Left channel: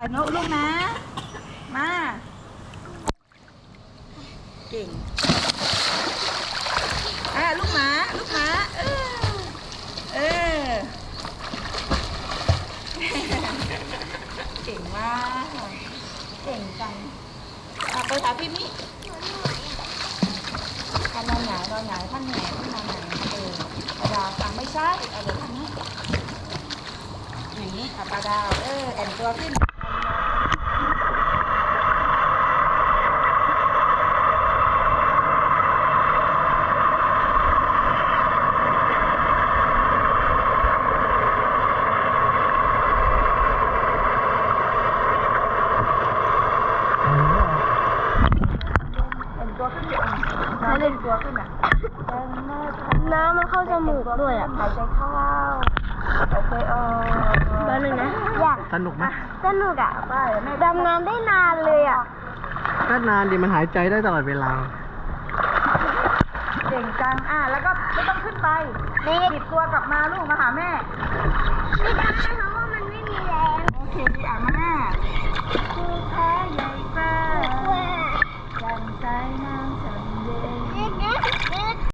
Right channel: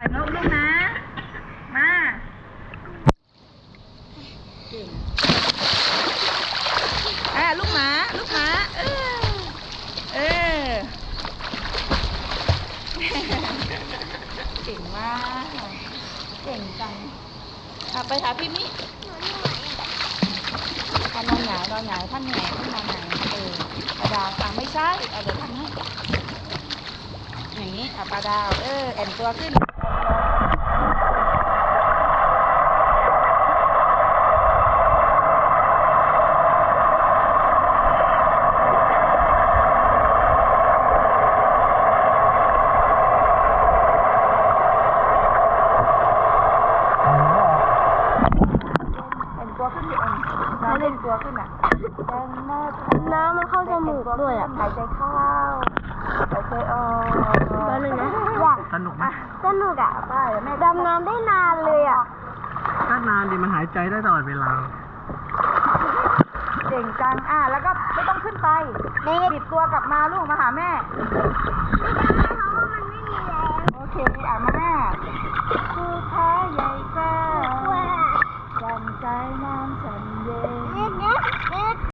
ถ่นกลูกนะ มา เก่งอ่าลูกหมา ลูกหมา เออ เออ เก่งมาก เก่งจังอะไปหาพี่มิท่านนอนหงายนอนหงายท่านแหงท่านนอนหงายเออปลาดาวฟังไม่ใช่เอาเดี๋ยวทำให้อย่างนี้อะปลาดาว เออ แอนตัวขึ้น เป็น ตัวขึ้นอยู่เองน้ำเล่นตัวขึ้นอะแรงมากน้ำมันเข้าจมูกด้วยอะหายใจเข้าหายใจออกแป๊บนึงนะอยากสนุกไหมสนุกอะไปแม่ดำน้ำได้นานเลยอะถ้านานดิมันหายใจได้ตลอดเวลาเก่งจังอะแล้วก็ไม่ต้องขึ้นไปบิดตัวกลับมาลูกมาหาแม่